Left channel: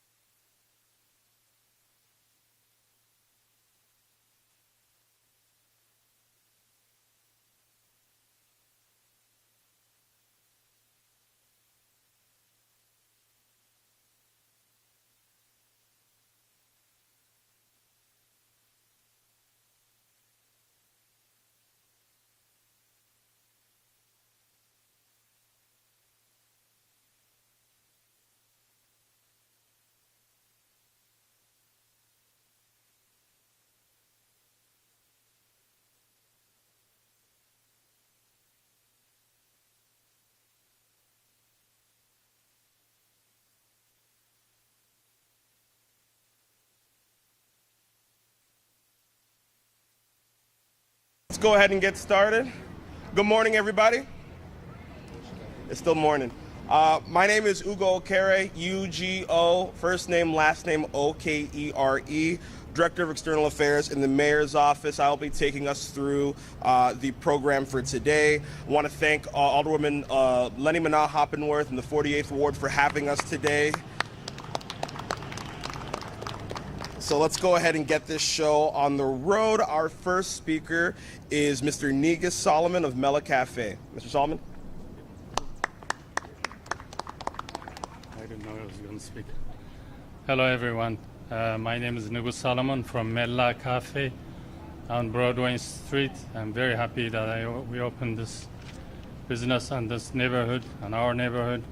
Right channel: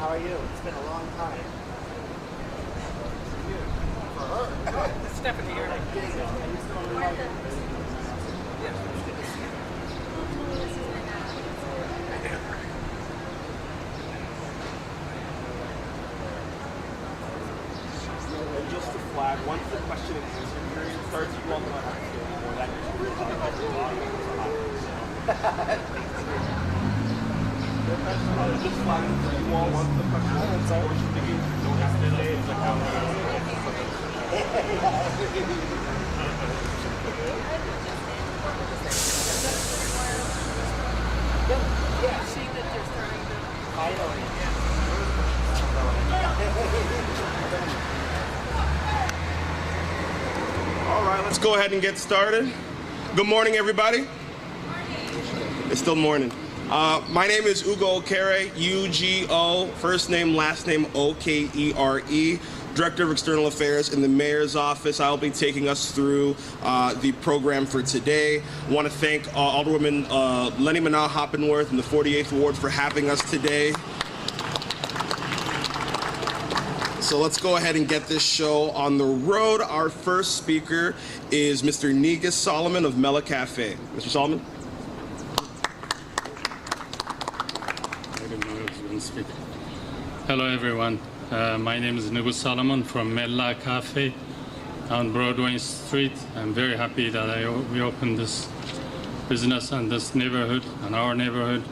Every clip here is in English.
How are you? It's been a long time. Stephanie here. And just to flag, once the question and answer period starts, you all know how to do it more. That just flagging for you all once the question and answer portion begins. You don't have to say it's a Yeah, see that they're starting to finally. All right, let's go ahead and get started. Good morning, everybody. It's still morning. My name is Ugo Okere, U-G-O, first name, last name, O-K-E-R-E, Director of External Affairs in the Mayor's Office. I'll be taking us through the program for today. I want to thank Alderwoman Lenny Manaugh Hoppenworth in the 48th Ward for having us today. So let's go ahead and get this show on the road. Our first speaker is Mr. Negus Solomon of Mela Cafe. Mr. Solomon? Hello everyone, my name is Negus Solomon from Mela Cafe on Broadway Street. I'm very happy that we opened this business in this neighborhood, in our neighborhood,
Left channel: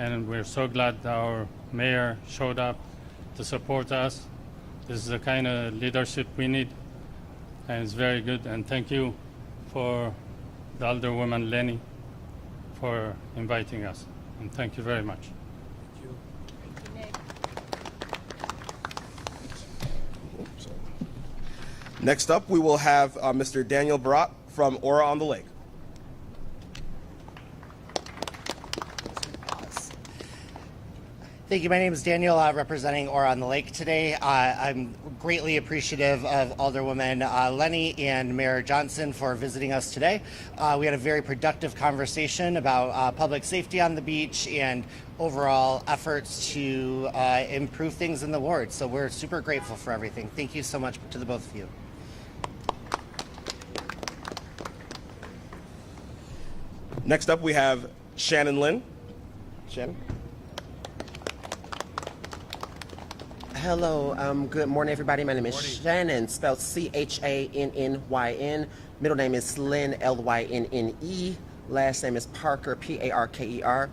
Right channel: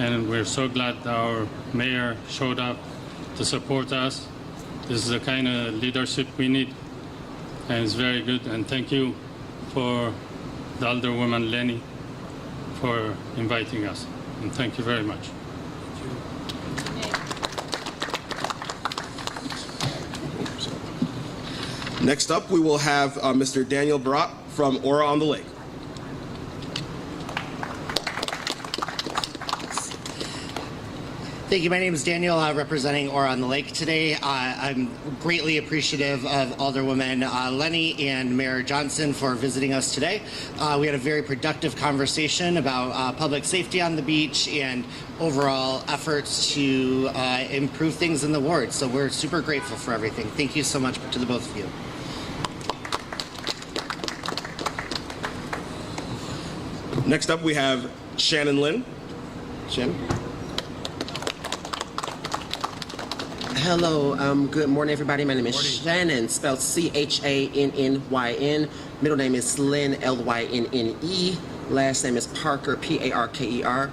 and we're so glad that our mayor showed up to support us. This is the kind of leadership we need, and it's very good. And thank you for the Alderwoman Lenny for inviting us, and thank you very much. Next up, we will have Mr. Daniel Barat from Aura on the Lake. Thank you. My name is Daniel, representing Aura on the Lake today. I'm greatly appreciative of Alderwoman Lenny and Mayor Johnson for visiting us today. We had a very productive conversation about public safety on the beach and overall efforts to improve things in the ward. So we're super grateful for everything. Thank you so much to the both of you. Next up, we have Shannon Lynn. Shannon? Hello, good morning, everybody. My name is Shannon, spelled C-H-A-N-N-Y-N. Middle name is Lynn, L-Y-N-N-E. Last name is Parker, P-A-R-K-E-R.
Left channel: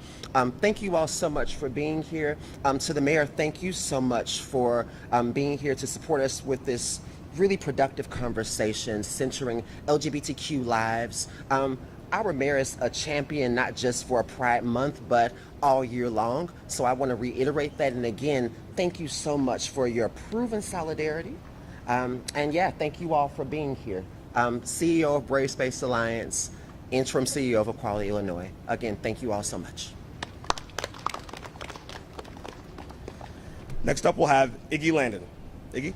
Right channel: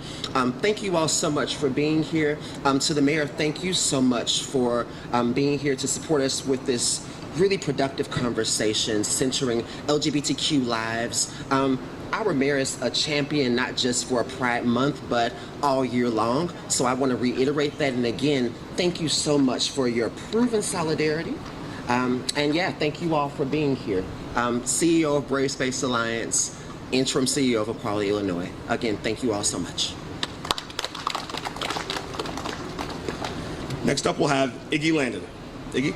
Thank you all so much for being here. To the mayor, thank you so much for being here to support us with this really productive conversation centering LGBTQ lives. Our mayor is a champion not just for Pride Month, but all year long. So I want to reiterate that. And again, thank you so much for your proven solidarity. And yeah, thank you all for being here. CEO of Brave Space Alliance, interim CEO of Equality Illinois. Again, thank you all so much. Next up, we'll have Iggy Landon. Iggy?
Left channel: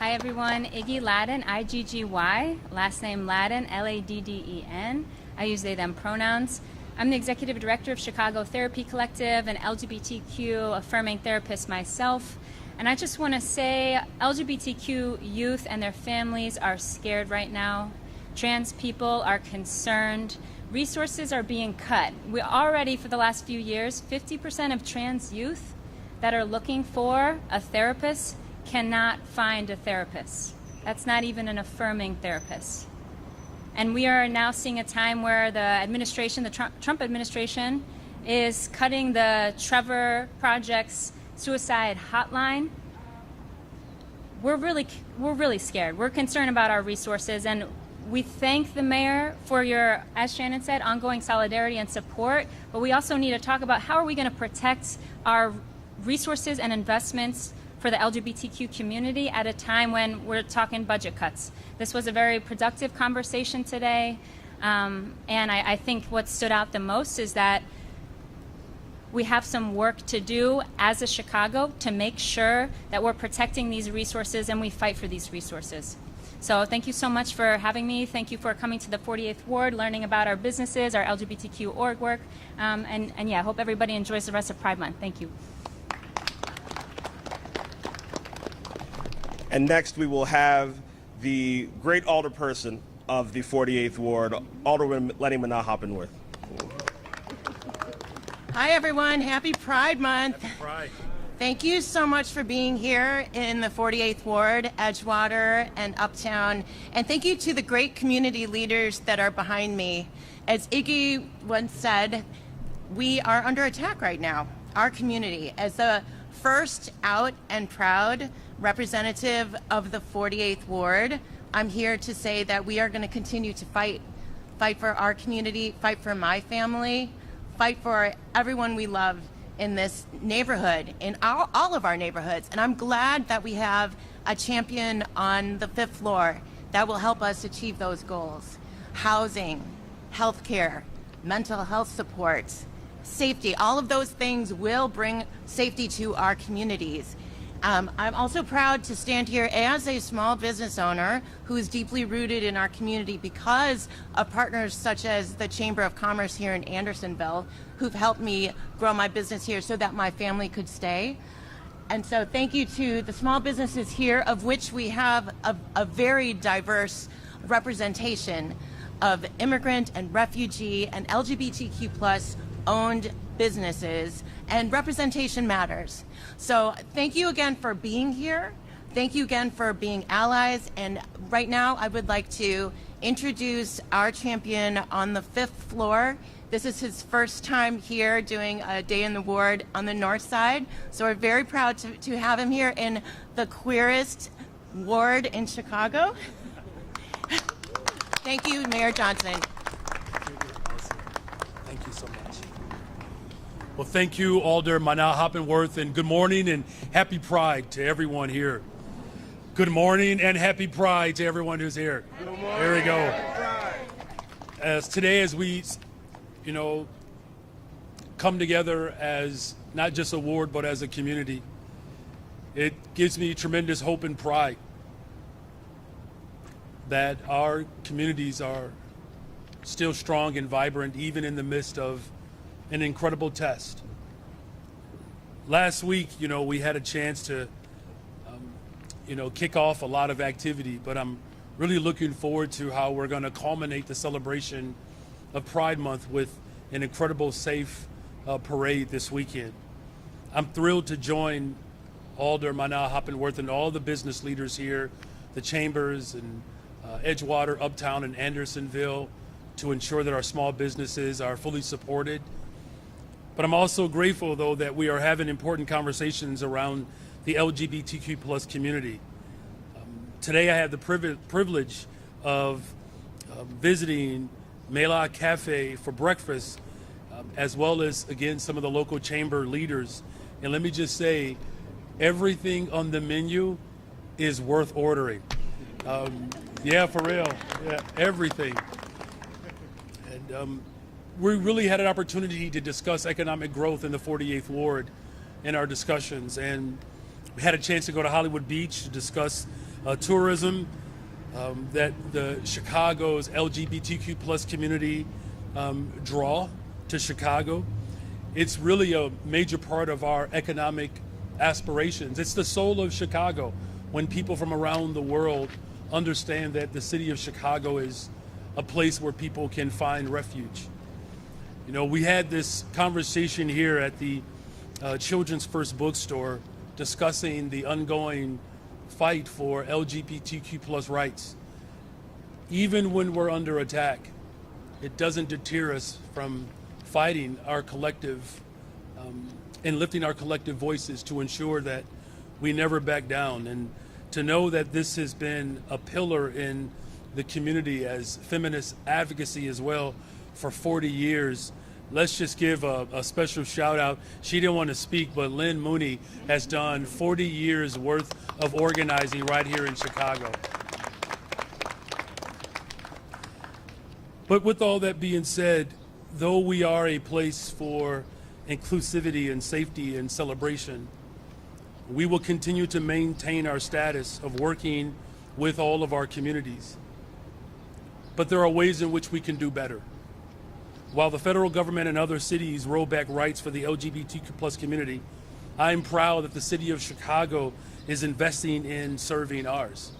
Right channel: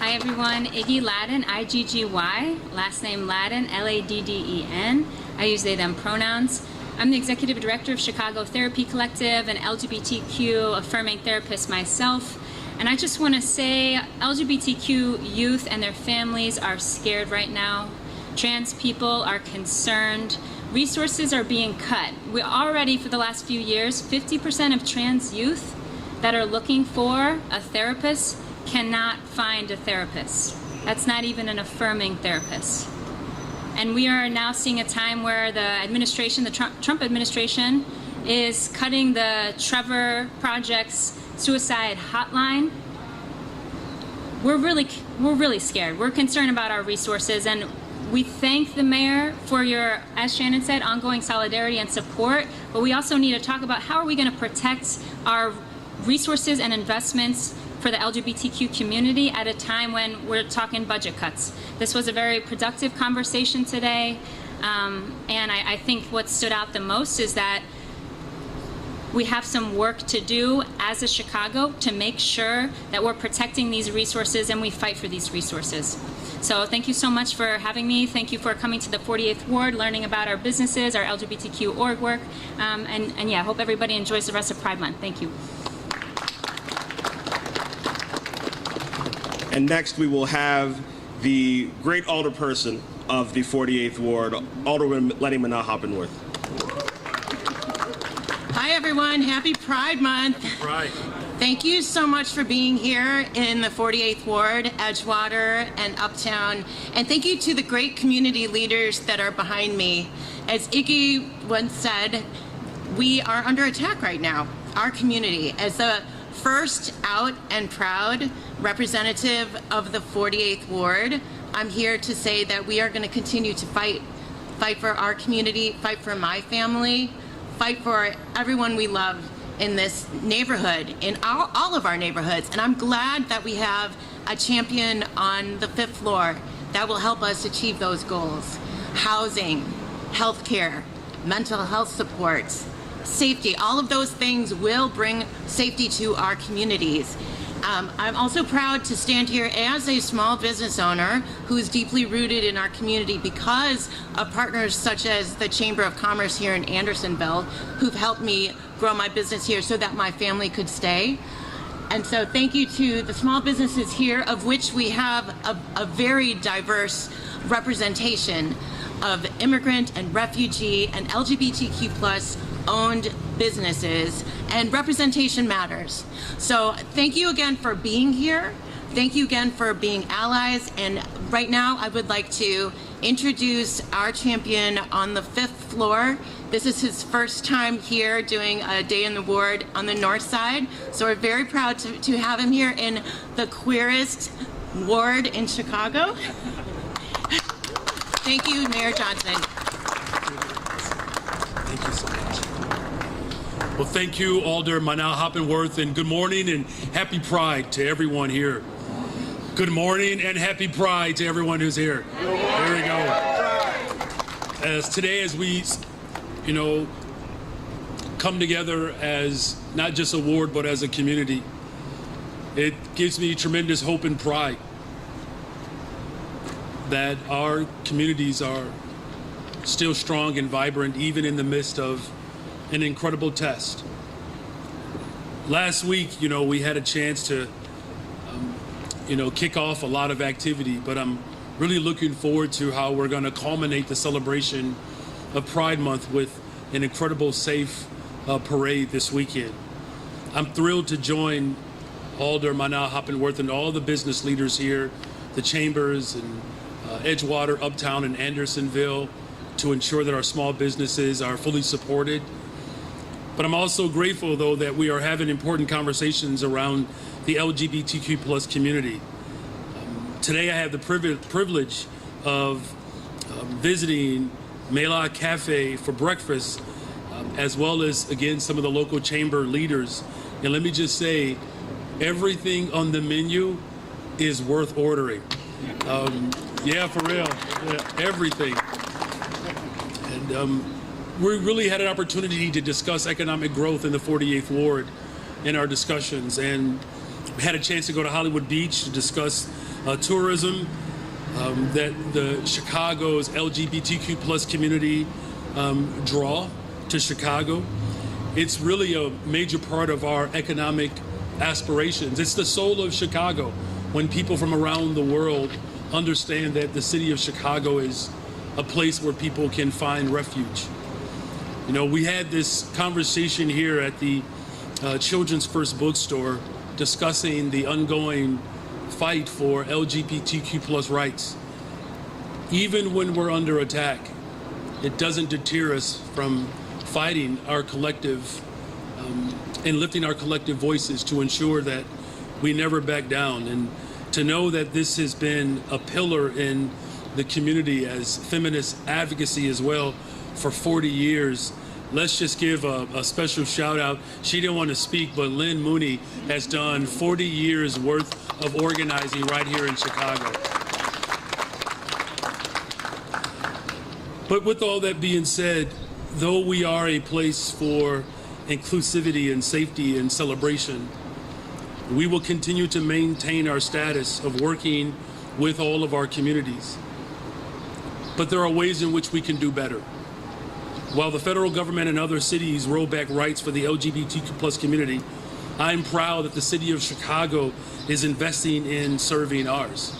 Hi everyone, Iggy Ladden, I-G-G-Y, last name Ladden, L-A-D-D-E-N. I use they, them pronouns. I'm the Executive Director of Chicago Therapy Collective, an LGBTQ affirming therapist myself. And I just want to say LGBTQ youth and their families are scared right now. Trans people are concerned. Resources are being cut. We already, for the last few years, 50% of trans youth that are looking for a therapist cannot find a therapist. That's not even an affirming therapist. And we are now seeing a time where the administration, the Trump administration, is cutting the Trevor Project's suicide hotline. We're really scared. We're concerned about our resources, and we thank the mayor for your, as Shannon said, ongoing solidarity and support, but we also need to talk about how are we going to protect our resources and investments for the LGBTQ community at a time when we're talking budget cuts. This was a very productive conversation today, and I think what stood out the most is that we have some work to do as a Chicago to make sure that we're protecting these resources and we fight for these resources. So thank you so much for having me. Thank you for coming to the 48th Ward, learning about our businesses, our LGBTQ org work, and yeah, hope everybody enjoys the rest of Pride Month. Thank you. And next we will have the great alderperson of the 48th Ward, Alderwoman Lenny Manaha Hoppenworth. Hi everyone, happy Pride Month. Pride. Thank you so much for being here in the 48th Ward, Edgewater, and Uptown. And thank you to the great community leaders that are behind me. As Iggy once said, we are under attack right now, our community. As the first out and proud representative of the 48th Ward, I'm here to say that we are going to continue to fight for our community, fight for my family, fight for everyone we love in this neighborhood, in all of our neighborhoods. And I'm glad that we have a champion on the 5th floor that will help us achieve those goals. Housing, healthcare, mental health supports, safety, all of those things will bring safety to our communities. I'm also proud to stand here as a small business owner who's deeply rooted in our community because of partners such as the Chamber of Commerce here in Andersonville, who've helped me grow my business here so that my family could stay. And so thank you to the small businesses here, of which we have a very diverse representation of immigrant and refugee and LGBTQ plus owned businesses, and representation matters. So thank you again for being here. Thank you again for being allies. And right now I would like to introduce our champion on the 5th floor. This is his first time here doing a day in the ward on the north side. So we're very proud to have him here in the queerest ward in Chicago. Thank you, Mayor Johnson. Thank you so much. Well, thank you, Alder Manaha Hoppenworth, and good morning and happy Pride to everyone here. Good morning and happy Pride to everyone who's here. There we go. As today, as we, come together as not just a ward, but as a community, it gives me tremendous hope and pride that our communities are still strong and vibrant, even in the midst of an incredible test. Last week, we had a chance to, kick off a lot of activity, but I'm really looking forward to how we're going to culminate the celebration of Pride Month with an incredible safe parade this weekend. I'm thrilled to join Alder Manaha Hoppenworth and all the business leaders here, the chambers and Edgewater, Uptown, and Andersonville, to ensure that our small businesses are fully supported. But I'm also grateful, though, that we are having important conversations around the LGBTQ plus community. Today I have the privilege of visiting Mela Cafe for breakfast, as well as, again, some of the local chamber leaders. And let me just say, everything on the menu is worth ordering. Yeah, for real, yeah, everything. And we really had an opportunity to discuss economic growth in the 48th Ward in our discussions, and we had a chance to go to Hollywood Beach to discuss tourism, that the Chicago's LGBTQ plus community draw to Chicago. It's really a major part of our economic aspirations. It's the soul of Chicago when people from around the world understand that the city of Chicago is a place where people can find refuge. We had this conversation here at the Children's First Bookstore discussing the ongoing fight for LGBTQ plus rights. Even when we're under attack, it doesn't deter us from fighting our collective and lifting our collective voices to ensure that we never back down. And to know that this has been a pillar in the community as feminist advocacy as well for 40 years. Let's just give a special shout out. She didn't want to speak, but Lynn Mooney has done 40 years worth of organizing right here in Chicago. But with all that being said, though we are a place for inclusivity and safety and celebration, we will continue to maintain our status of working with all of our communities. But there are ways in which we can do better. While the federal government and other cities roll back rights for the LGBTQ plus community, I am proud that the city of Chicago is investing in serving ours.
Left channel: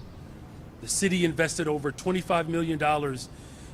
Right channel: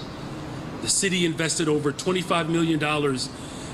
The city invested over $25 million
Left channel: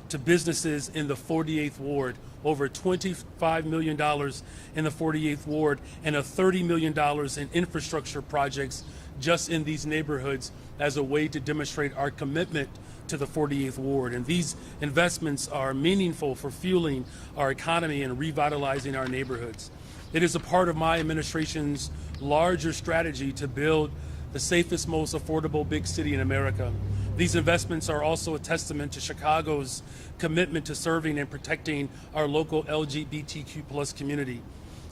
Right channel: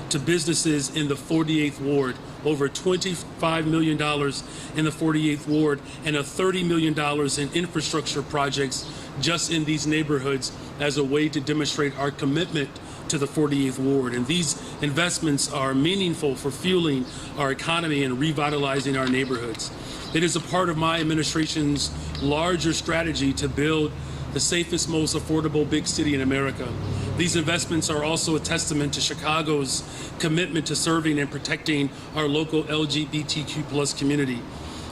to businesses in the 48th Ward, over $25 million in the 48th Ward, and $30 million in infrastructure projects just in these neighborhoods as a way to demonstrate our commitment to the 48th Ward. And these investments are meaningful for fueling our economy and revitalizing our neighborhoods. It is a part of my administration's larger strategy to build the safest, most affordable big city in America. These investments are also a testament to Chicago's commitment to serving and protecting our local LGBTQ plus community.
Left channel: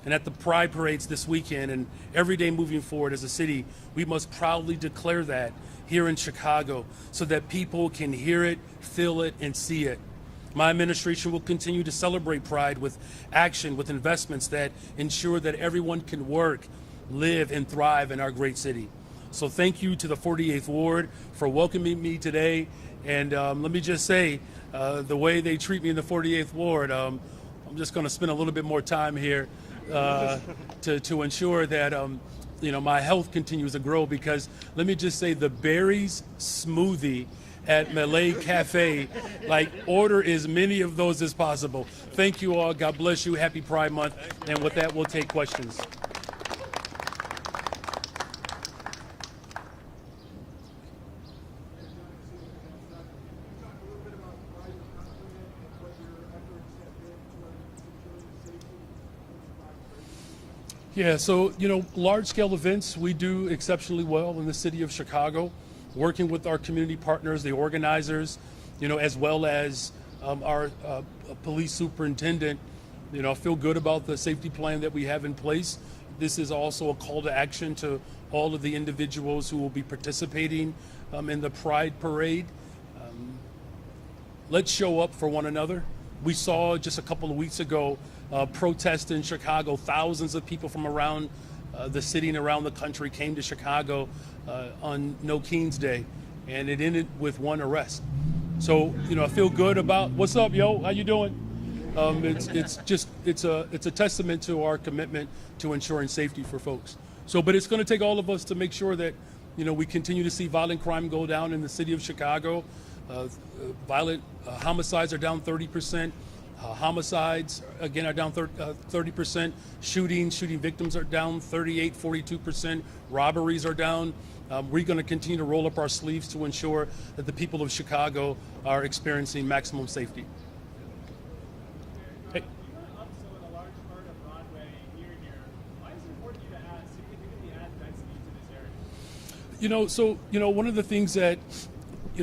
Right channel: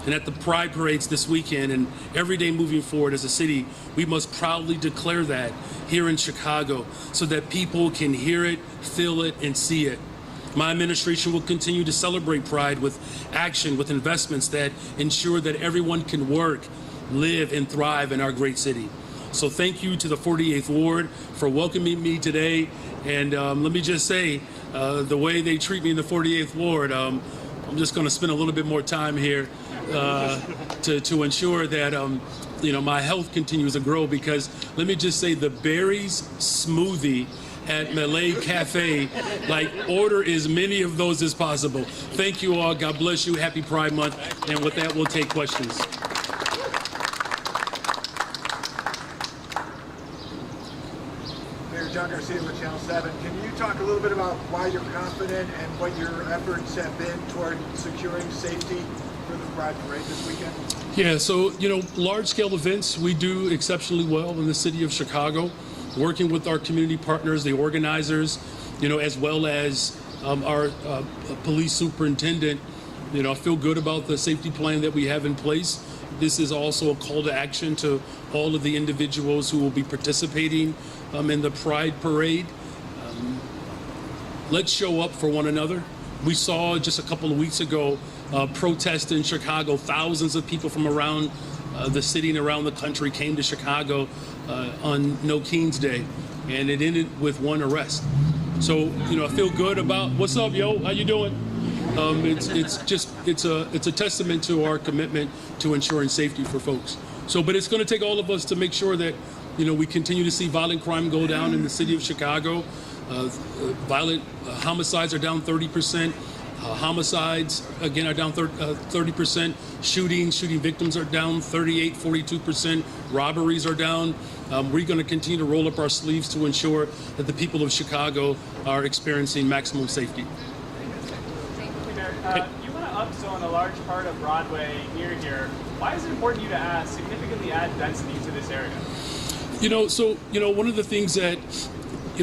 And at the Pride Parades this weekend and every day moving forward as a city, we must proudly declare that here in Chicago so that people can hear it, feel it, and see it. My administration will continue to celebrate Pride with action, with investments that ensure that everyone can work, live, and thrive in our great city. So thank you to the 48th Ward for welcoming me today. And let me just say, the way they treat me in the 48th Ward, I'm just going to spend a little bit more time here to ensure that my health continues to grow. Because let me just say, the berries smoothie at Malay Cafe, order as many of those as possible. Thank you all. God bless you. Happy Pride Month. And with that, we'll take questions. John Garcia with Channel 7. Can you talk a little bit about why you're confident and what your efforts have been toward securing safety for the Pride Parade this weekend? Yeah, so, large-scale events, we do exceptionally well in the city of Chicago, working with our community partners, the organizers, as well as our police superintendent. I feel good about the safety plan that we have in place. This is also a call to action to all of the individuals who will be participating in the Pride Parade. Let's show up for one another. We saw just a couple of weeks ago protest in Chicago. Thousands of people from around the city and around the country came to Chicago on No King's Day, and it ended with one arrest. So, I feel good about, what's up, yo? How you doing? It's a testament to our commitment to ensuring safety for folks. So, but it's going to take all of us to make sure that we continue to see violent crime go down in the city of Chicago. Violent homicides are down 30%. Homicides, again, are down 30%. Shooting victims are down 42%. Robberies are down. We're going to continue to roll up our sleeves to ensure that the people of Chicago are experiencing maximum safety. You want to upzone a large part of Broadway near here. Why is it important to you to significantly add density to this area? One of the things that,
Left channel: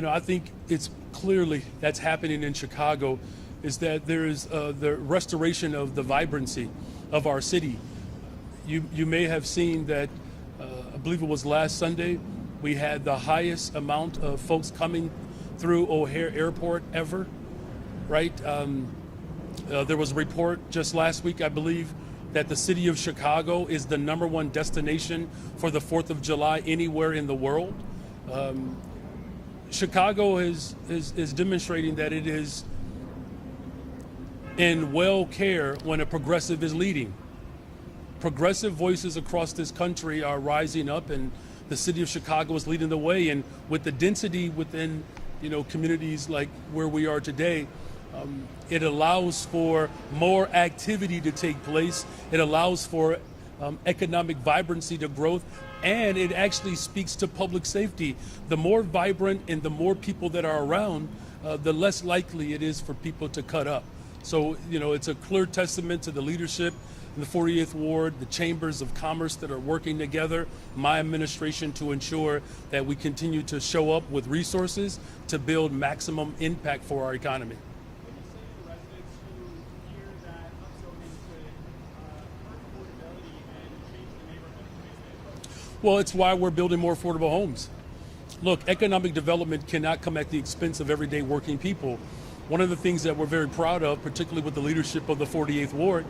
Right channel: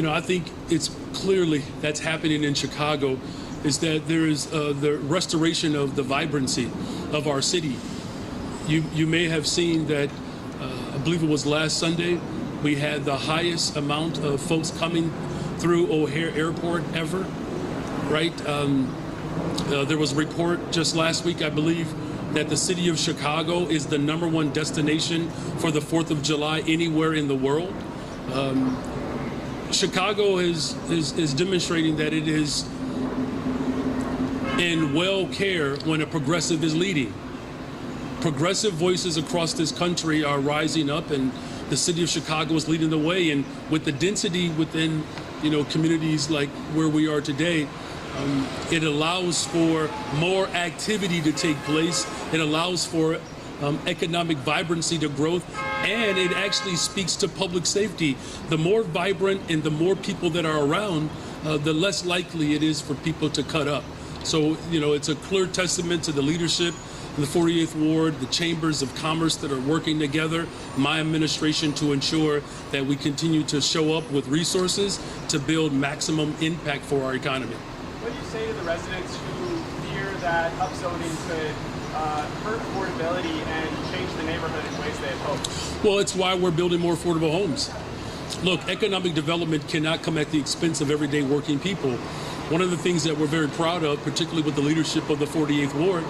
I think it's clearly that's happening in Chicago is that there is the restoration of the vibrancy of our city. You may have seen that, I believe it was last Sunday, we had the highest amount of folks coming through O'Hare Airport ever, right? There was a report just last week, I believe, that the city of Chicago is the #1 destination for the 4th of July anywhere in the world. Chicago is demonstrating that it is in well care when a progressive is leading. Progressive voices across this country are rising up, and the city of Chicago is leading the way. And with the density within, communities like where we are today, it allows for more activity to take place. It allows for economic vibrancy to growth, and it actually speaks to public safety. The more vibrant and the more people that are around, the less likely it is for people to cut up. So, it's a clear testament to the leadership in the 48th Ward, the chambers of commerce that are working together, my administration, to ensure that we continue to show up with resources to build maximum impact for our economy. What do you say to the residents who fear that upzoning could hurt affordability and change the neighborhood in ways they had hoped? Well, it's why we're building more affordable homes. Look, economic development cannot come at the expense of everyday working people. One of the things that we're very proud of, particularly with the leadership of the 48th Ward,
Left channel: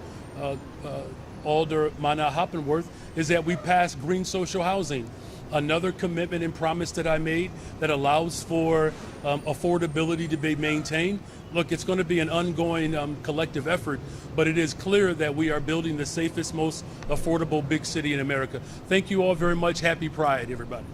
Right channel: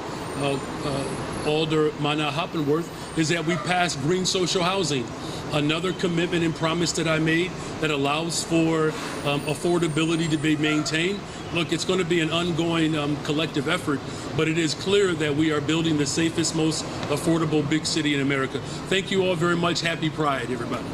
Alder Mana Hoppenworth, is that we passed green social housing, another commitment and promise that I made that allows for affordability to be maintained. Look, it's going to be an ongoing collective effort, but it is clear that we are building the safest, most affordable big city in America. Thank you all very much. Happy Pride, everybody.